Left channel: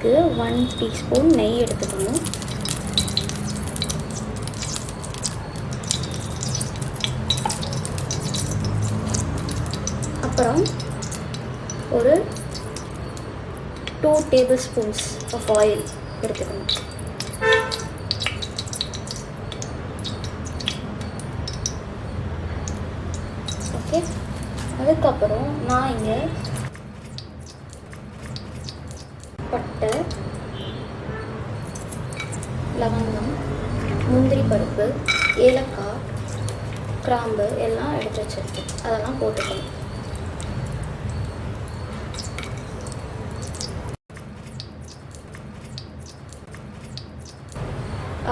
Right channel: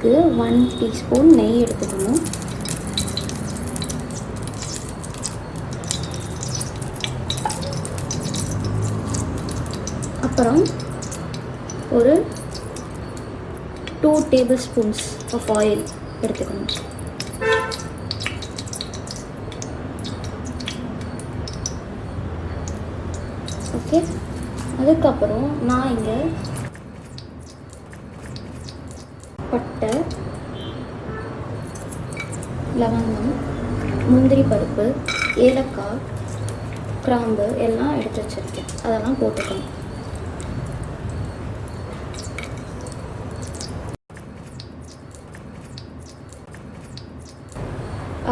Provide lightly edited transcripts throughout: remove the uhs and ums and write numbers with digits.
அதுக்கு 1 டீஸ்பூன் நெய் எடுத்துக்கணும். அப்புறம் ஒரு 2 டேபிள் ஸ்பூன்ஸ் ஆஃப் ஆயில் எடுத்துக்கணும். ஓகே, அதுக்கப்புறம் நான் இங்கே பட்டை, லவங்கம், முந்திரி பருப்பு, ஏலக்காய், கிராம்பு எல்லாம் எடுத்து வச்சுருக்கேன். அதெல்லாம் போட்டுக்கணும்.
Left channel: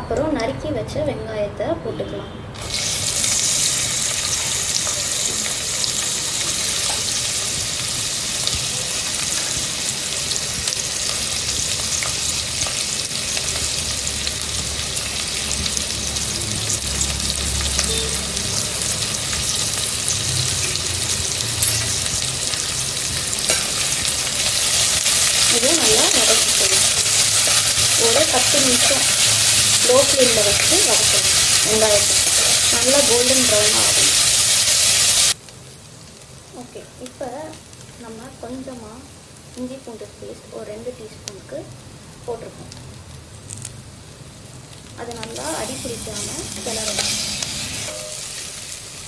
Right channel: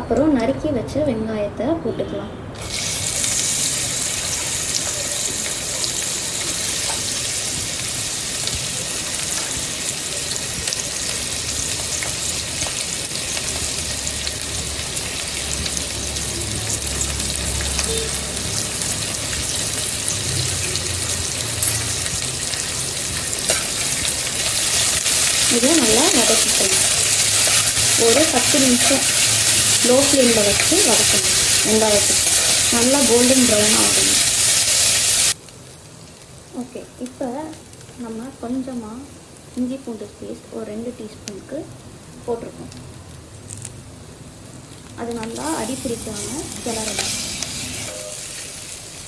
அப்புறம் நறுக்கி வச்ச வெங்காயத்தை போட்டுக்கலாம். இது நல்லா வதக்கிக்கணும். ஒரு 10 நிமிஷம் லோ ஃப்ளேமில் வச்சு வதக்கணும். வெங்காயத்துக்கு நல்லா கோல்டன் ப்ரௌன் ஆகணும். ஓகே, இப்போ நம்ம கொஞ்சமாக இஞ்சி பூண்டு பேஸ்ட் ஒரு 2 டீஸ்பூனுக்கு போட்டிருக்கோம். அது நல்லா அடிப்பிடிக்காமல் கிளறணும்.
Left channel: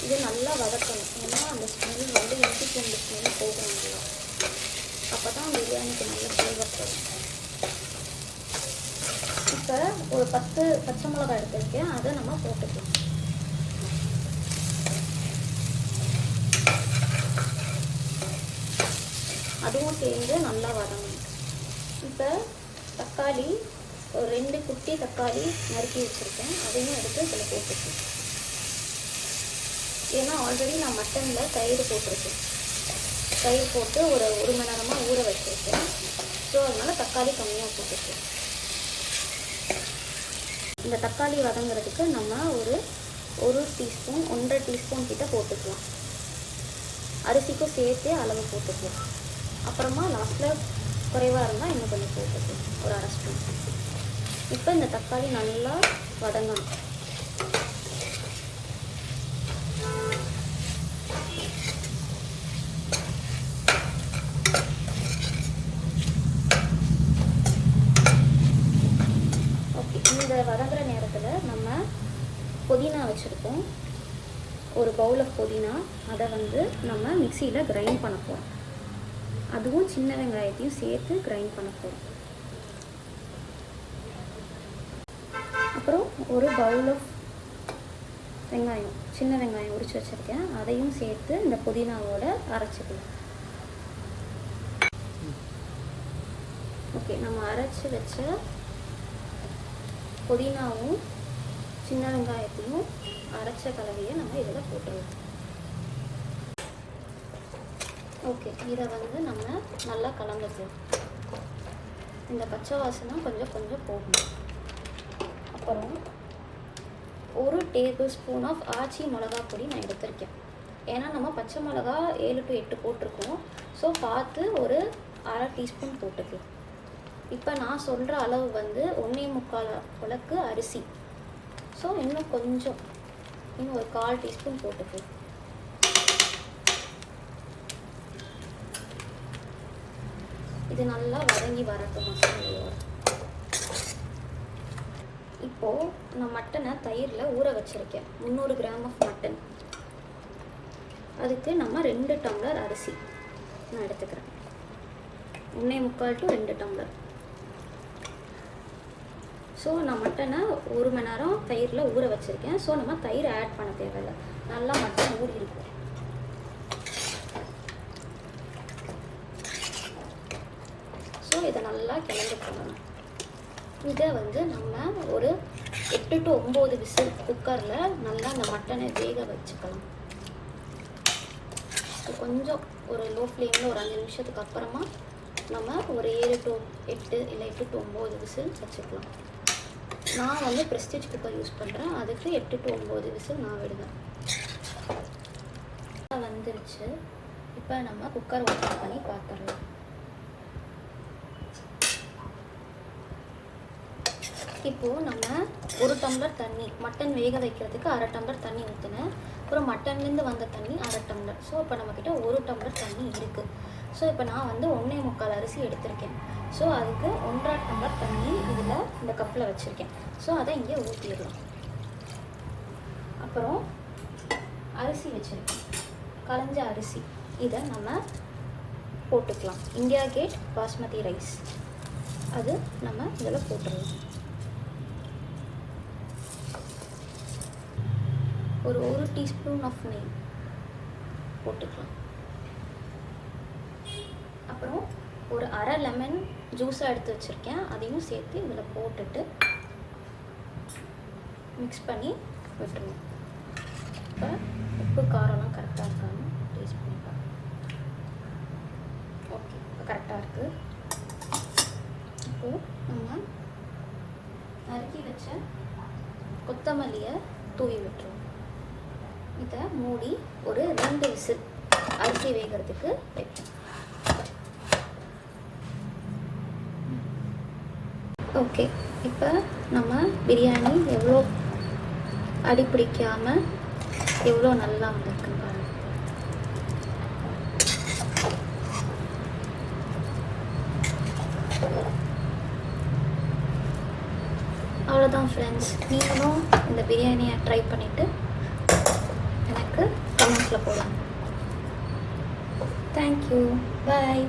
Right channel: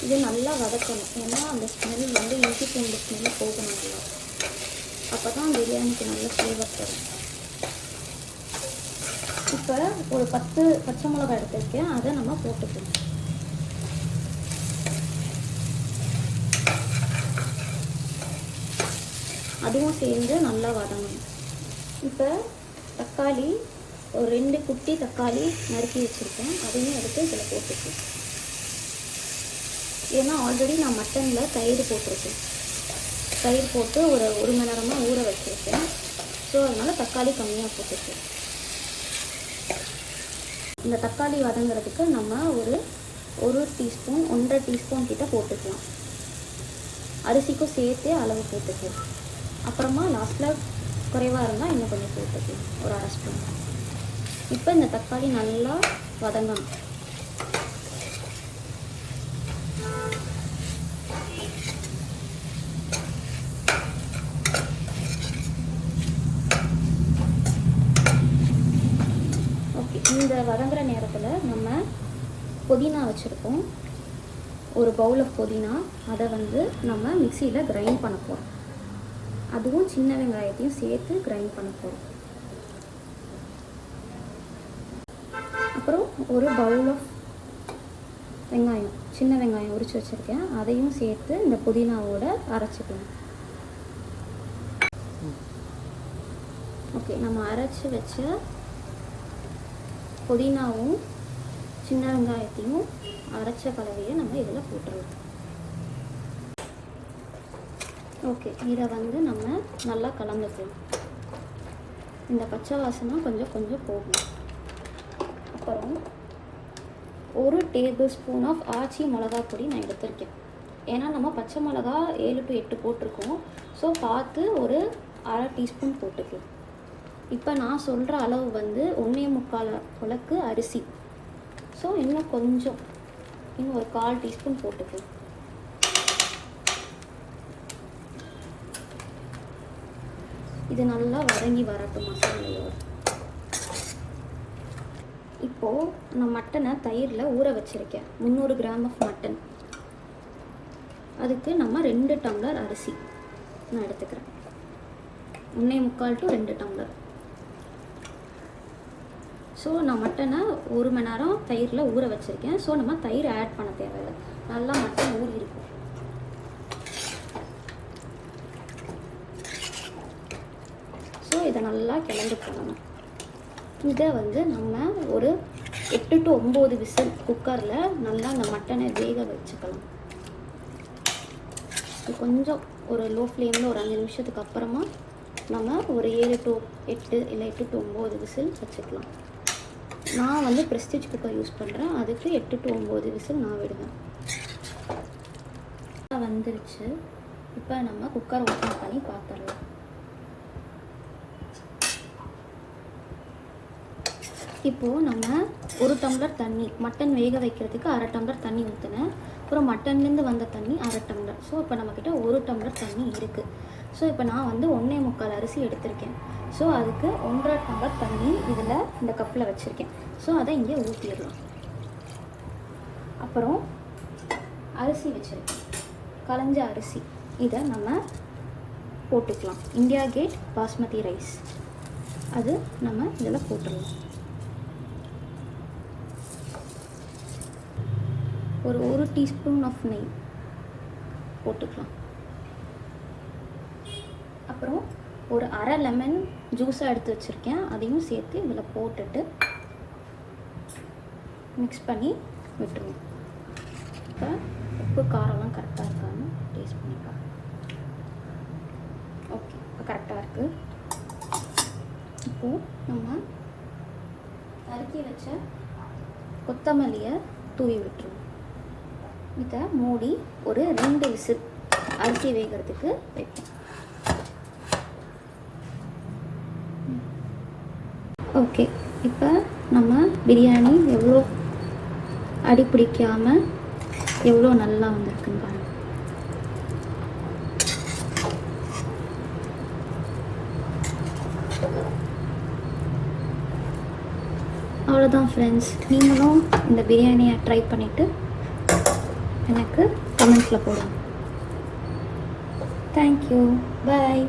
இது நல்லா வதக்கணும். ஏன்னா அந்த ஸ்மெல் வந்து இஞ்சி பூண்டு ஸ்மெல் போகணும் இல்லையா, அப்போ தான் பிரியாணிக்கு நல்ல ஃப்ளேவர் தரும். இப்போ ஒரு 10 பச்சை மிளகாய் எடுத்துருக்கேன், அதை நம்ம போட்டுக்கலாம். அதுவும் சேர்ந்து நல்லா வதங்கணும். இப்போ தக்காளி ஒரு 2 குட்டி தக்காளி நறுக்கி வச்சுருக்கேன், அதையும் எடுத்து இதில் போட்டுக்கலாம். ஏன்னா ஆல்ரெடி நான் மட்டனில் தயிர் போட்டிருக்கேன். தயிர் போட்டு ஒரு 1 மணி நேரமாக ஊற வச்சுருக்கேன். ஸோ அதனால் தக்காளி கம்மியாக போட்டுருக்கேன். இந்த தக்காளி வதங்குறதுக்கு நம்ம ஒரு டீஸ்பூன் 1.5 டீஸ்பூன் கிட்ட போட்டுக்கலாம். அரிசிக்கும் சேர்த்து அளவு போட்டுக்கலாம். அப்புறமா லாஸ்ட்டில் குறைவாக இருந்தால் இன்னும் கொஞ்சம் போட்டுக்கலாம், ஒரு 1/2 ஸ்பூன். இப்போ இந்த தக்காளி நல்லா வதங்கணும். இந்த வதங்குற நேரத்தில் நம்ம புதினா வச்சுருக்கோம், ஒரு பவுல் ஆஃப் புதினா. அதை வந்து நம்ம மிக்சியில் கிரைண்ட் பண்ண போகிறோம். அதுவும் சின்ன வெங்காயத்தையும் சேர்த்து கிரைண்ட் பண்ண போகிறோம். அப்புறம் ஒரு பவுல் ஆஃப் வெங்காயம், சின்ன வெங்காயம் உரிச்சு வச்சுருக்கேன், அதையும் சேர்த்து இந்த புதினாவோட அரைச்சிக்கலாம். ஓகே, நம்ம அரைச்சி வச்ச புதினாவும் சின்ன வெங்காயத்தையும் அரைச்ச கலவையை நம்ம இதில் போட்டுருவோம். ஓகே, இதை வந்து நம்ம நல்லா கலந்துக்கலாம். இந்த பச்சை வாசனை கொஞ்சம் கொஞ்சம் போகும். அப்புறம் ஒரு டேபிள் ஸ்பூன் ஆஃப் ஆச்சி மிளகா பொடி நான் எடுத்திருக்கேன். ஏன்னா நம்ம பச்சை மிளகா 7 to 8 போட்டிருக்கோம். ஸோ பார்த்து ஒரு 1/2 டீஸ்பூன் போட்டுக்கலாம். இப்போ நான் சொல்கிற அளவு வந்து 1.25 உலக்கு அரிசி. ஸோ இன்னும் கொஞ்சம், இன்னும் ஒரு 1/4 டீஸ்பூன் போட்டுக்கலாம். இது நல்லா வதங்கி வரட்டும் மசாலையோட. இப்போது நான் மட்டனை தயிரில் ஊற வச்சுருக்கேன், 300 கிராம் ஆஃப் மட்டன். அதுக்கு நம்ம 2 டம்ளர் அரிசி நான் எடுத்துக்கிறேன். 1.25 to 2 டம்ளர். ஸோ நான் மட்டனை 1 மணி நேரம் தயிரில் ஊற வச்சுருக்கேன். ஸோ நம்ம தயிர் ஆட் பண்ண தேவையில்லை, நல்லா மட்டன் ஊறி இருக்கும். ஸோ இதை நல்லா கிளறி போடணும். இதை வந்து நம்ம ஒரு 8 to 9 விசில் குக்கரில் நல்லா அந்த மட்டனை வேக வச்சுக்கலாம். கொஞ்சம் ஒரு லோ ஃப்ளேமில் ஒரு 5 நிமிஷத்துக்கு அப்புறமா நம்ம ஒரு 7 to 8 இல்லை 8 to 9 விசில் வச்சுக்கலாம். நான் வந்து ப்ரெஸ்டீஜ் குக்கர் யூஸ் பண்ணுறேன், அதுக்கு 8 to 9 விசில் நான் விடுவேன். வந்துருச்சு. இப்போ நம்ம குக்கரை ஓப்பன் பண்ணி பார்த்துடலாம். இப்போது நம்ம 1 டம்ளர் தண்ணி, மட்டன் வேக வைக்கிறதுக்கு 1/2 டம்ளர் தண்ணி ஊற்றினேன். அப்புறம் மட்டன்லேருந்து வந்த தண்ணி 1/2 டம்ளர். ஸோ இப்போ நம்மக்கிட்ட 1 டம்ளர் தண்ணி இருக்குது. ஸோ இப்போ நான் வந்து 1.25 அரிசி எடுத்திருக்கேன். ஸோ அதுக்கு 1.5 டம்ளர் தண்ணி இதில் இந்த கப்பில் வச்சுருக்கேன். ஸோ அதை இங்கே ஊற்றிடலாம். அப்புறம் அரிசி வச்சுருக்கேன், களைஞ்ச அரிசி. இதை நம்ம போட்டுக்கலாம். இந்தியா கேட் பாஸ்மதி ரைஸ், அது நம்ம இதில் போட்டுடலாம். ஒரு 1 டீஸ்பூன் ஆஃப் நெய் போட்டுக்கலாம். அப்புறம் ஒரு அரை லெமன் ஜூஸாக எடுத்து வச்சுருக்கேன், அதையும் சேர்த்து இதில் போட்டுட்டு மிக்ஸ் பண்ணி விட்டுருவோம். இப்போ உப்பு காரம்லாம் கரெக்டாக இருக்கான்னு டேஸ்ட் பண்ணிக்கலாம். ஓகே, இப்போ கரெக்டாக இருக்குது. இப்போது நம்ம நறுக்கி வச்ச கொத்தமல்லியை தூவி விட்டுருவோம். இதை மூடி ஒரு 2 விசில் அரிசி வேகிறதுக்கு வைப்போம். ஓகே, இப்போ நம்ம பிரியாணி எவ்வளோ அடி பிடிக்காமல் எவ்வளோ நல்லா வந்திருக்குங்க. அவ்வளோதான் ஃப்ரெண்ட்ஸ். நீங்களும் இந்த பிரியாணியை ட்ரை பண்ணிவிட்டு எனக்கு கமெண்ட்ஸில் போடுங்க. தேங்க்யூ, பாய்.